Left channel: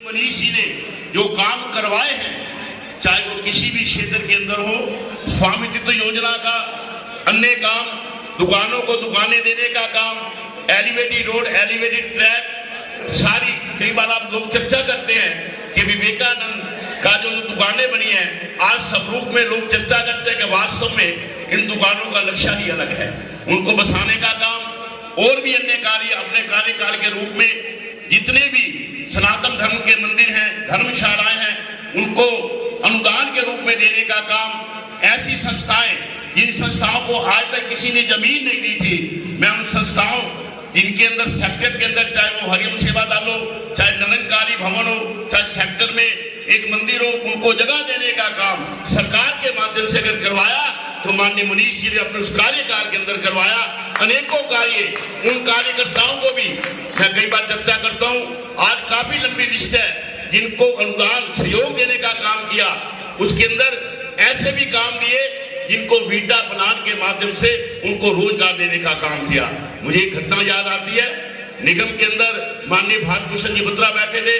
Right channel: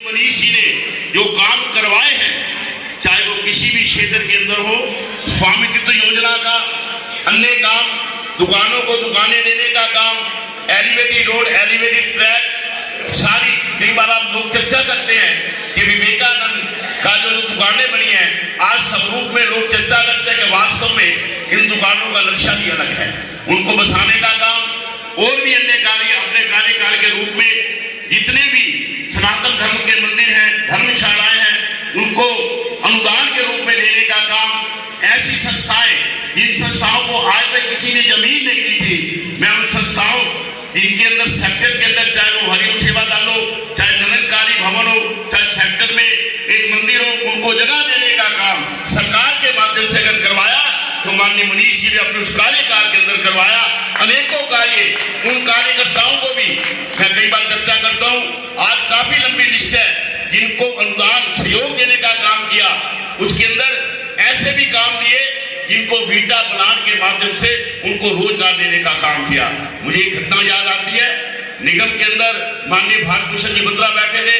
मनीष जी ने जो काम करवाए हैं, चाहे वो किसी भी क्षेत्र के अंदर हो, स्वामित्व योजना का, अन्य काम, दुकानों को दुकानें देने का काम, एलिवेटेड रोड, एलिवेटेड ट्रैक, सारी कई बार आप लोग चर्चा करते हैं कि विवेकानंद का जो दुकानें बनी है, आज स्वरूप में लोग चर्चा करते हैं कि वास्तव में इन दुकानों का लक्ष्य ही अलग है। उनको बसाने का काम और भी अन्य कार्य अपने कार्यकाल के रूप में जितने भी सनातन धर्म के मंदिर हैं, धर्मशालाएं हैं, उनको अनुदान के रूप में देने का काम, ऐसी संस्थाएं जिन संस्थाओं को आज तक किसी ने जमीन नहीं दी थी, मैं उन संस्थाओं जिनके अंदर सेक्टर के अंदर, चाहे वो हरिओम सेवा दल हो, चाहे निरंकारी भवन हो, चाहे सेक्टर में एक मंदिर हो, उनको जगह देने का काम सरकार के माध्यम से अगर करवाया तो माननीय मनीष जी ने अपने उस कार्यकाल के अंदर करवाया। अनेकों कार्य, उन कार्यकर्ताओं को भी मैं कई बार चर्चा करता हूं, आज काफी लंबी लिस्ट है जिनको अनुदान सहयोग देने का काम किया। उसके अंदर ऐसे भी काम दिए जिनको वीटा प्लांट के माध्यम से उनको रोजगार देने का काम किया। मुझे एक घटना याद आती है, निगम के अंदर माननीय भारत भूषण जी बत्रा बैठे थे,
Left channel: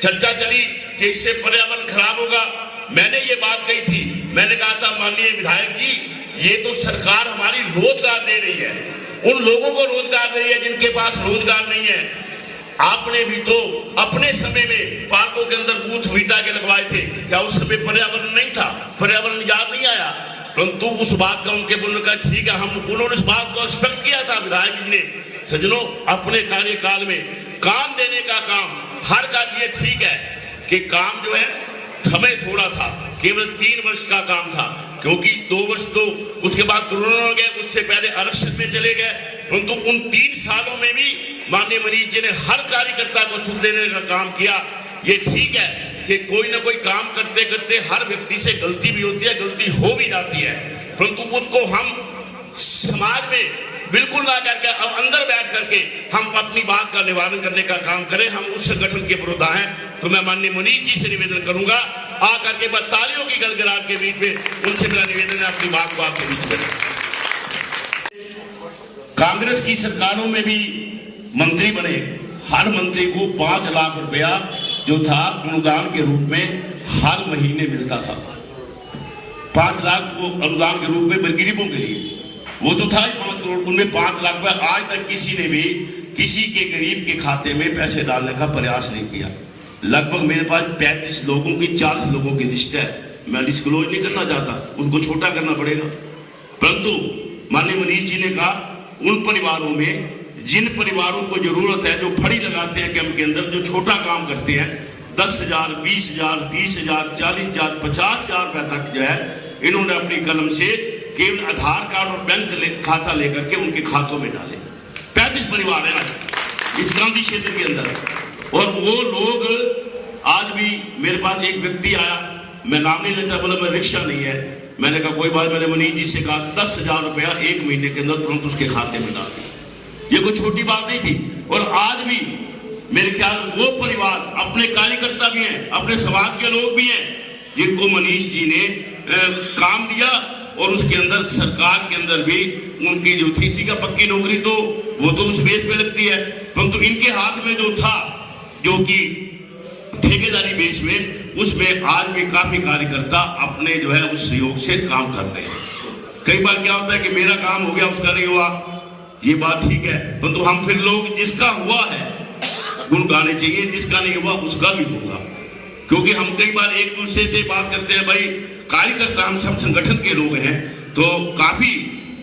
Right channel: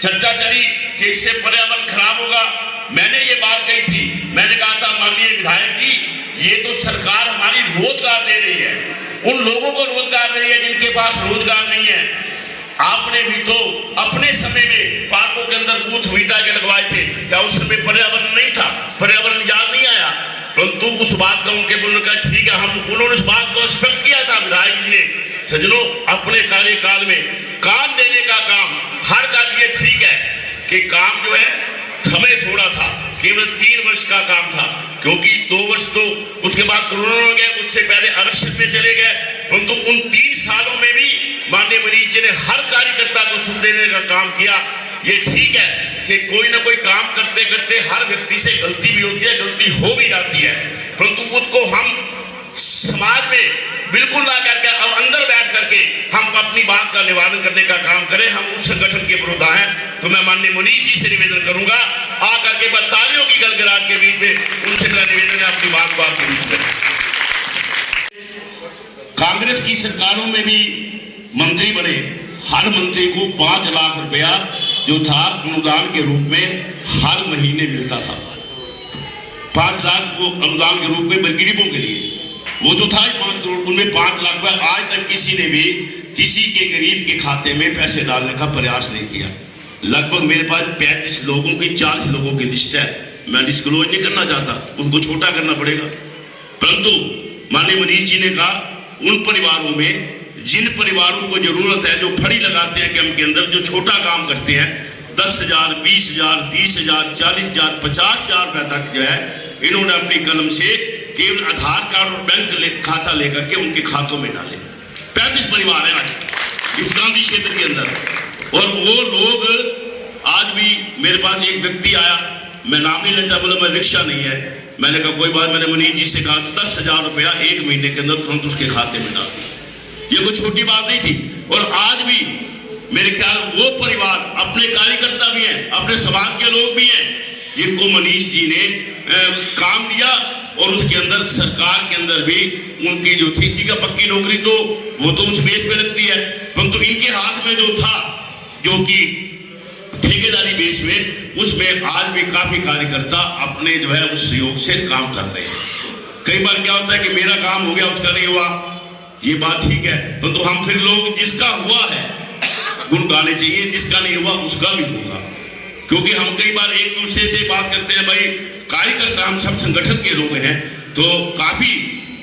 चर्चा चली कि इससे पर्यावरण खराब होगा। मैंने ये बात कही थी, मैंने कहा था माननीय विधायक जी, ये तो सरकार हमारी रोजगार दे रही है, उन लोगों को रोजगार दे रही है जिनके पास रोजगार नहीं है। आपने भी तो अपने समय में पार्कों के अंदर बूथ वीटा के लगवाए थे, क्या उस समय पर्यावरण नहीं था, पर्यावरण याद नहीं आया? परंतु उस बात का उनके बोलने का ठीक है, हम उन्होंने उस बात को स्पष्ट किया था विधायक जी ने। सज्जनों, अपने कार्यकाल में काम देने का काम, हर कार्य ठीक है कि काम जो है समय थोड़ा था, केवल 3 वर्ष का काम था, क्योंकि 2 वर्ष तो उसके बाद कोरोना हो गया, उससे पहले आरक्षण में चले गए। परंतु उन 3 सालों में भी माननीय मनीष जी ने हर कार्यकर्ता को सुख देने का काम किया। ये ठीक है कि कोई ना कोई काम करते करते हर व्यक्ति से गलती भी होती है, गलती हो भी जाती है, परंतु उसको हम समाज में बिल्कुल ना करके अब अंदर बैठ करके हम अपनी बात का निवारण करने का काम करें। हम उस संगठन के विरोधा हैं। तो मैं माननीय मनीष जी से निवेदन करूंगा, आकर के तालियों की गड़गड़ाहट के बीच में उनसे मेरा निवेदन है, अपनी बात को आपके बीच में। कांग्रेस की सरकारों में भी मंत्री बने, हर मंत्री को 5 लाख रुपया जो था अनुदान के रूप में हर महीने मिलता था। 5 लाख को अनुदान के रूप में गरीबों के लिए वो जो था 5 करोड़, उनमें 5 लाख रुपया आज तक किसी ने भी किसी के गरीब के खाते में पैसे डालने का प्रयास नहीं किया। लगभग मेरे पास 35 लोगों की 40 लोगों की लिस्ट है, मैं डिस्क्लोज नहीं करना चाहता, उनको छोटा करना पड़ेगा। परंतु माननीय मनीष जी ने कहा उन परिवारों में जिन परिवारों को जरूरत है, जो फड़ी लगाते हैं कैंप के अंदर, जो छोटा काम करते हैं, 10,000, 20,000, 30,000, 40,000, 50,000 रुपए तक जो है इन्होंने अपनी कलम से केवल आधार कार्ड और बैंक खाता लेकर के उनके खातों में डाले। 35 परिवार है आज इस गांधी क्षेत्र के अंदर, और वो लोग आज भी मेरे पास एक व्यक्ति आया, मैं नाम नहीं लेता, बोला मैं रिक्शा नहीं है। मैंने कहा कोई बात, मैंने मनीष जी से कहा 10,000 रुपया 1 महीने के अंदर तुरंत उसके खाते में डाल दिया। ये कोई छोटी बात नहीं थी। और आज भी मेरे ख्याल वो परिवार, अपने कार्यकर्ता भी हैं, अपने समाज के लोग भी हैं, जिनको मनीष जी ने काम दिया, और उसके अंदर सरकार के अंदर भी उनकी जो थी, ठीक है पक्की नौकरी तो वो तो उस बेस पे लगती है, परंतु इनके हाथ में जो था, जो कि ठेकेदारी बेस में, उसमें आज भी काफी कार्यकर्ता अपने जो है उस सहयोग से काम कर रहे हैं। कई बार क्या होता है कि मेरा काम हो गया, उसका नहीं हुआ, ये बात ठीक है, परंतु हम फिर लोग जिसका हुआ है गुण गाने चाहिए, जिसका नहीं हुआ उसका भी होगा। क्योंकि हम कई बार एक दूसरे से बात करते हैं, भाई कार्यकर्ता हम सब संगठन के लोग हैं, तो काफी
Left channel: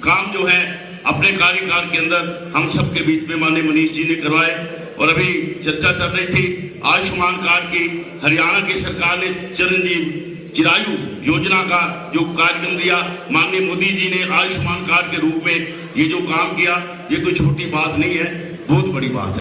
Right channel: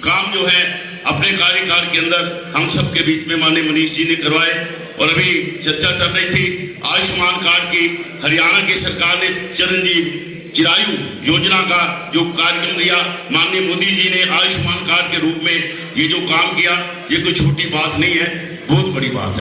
काम जो है अपने कार्यकाल के अंदर हम सब के बीच में माननीय मनीष जी ने करवाए। और अभी चर्चा चल रही थी आयुष्मान कार्ड की, हरियाणा की सरकार ने चिरंजीव चिरायु योजना का जो कार्यक्रम दिया, माननीय मोदी जी ने आयुष्मान कार्ड के रूप में ये जो काम किया, ये कोई छोटी बात नहीं है, बहुत बड़ी बात है।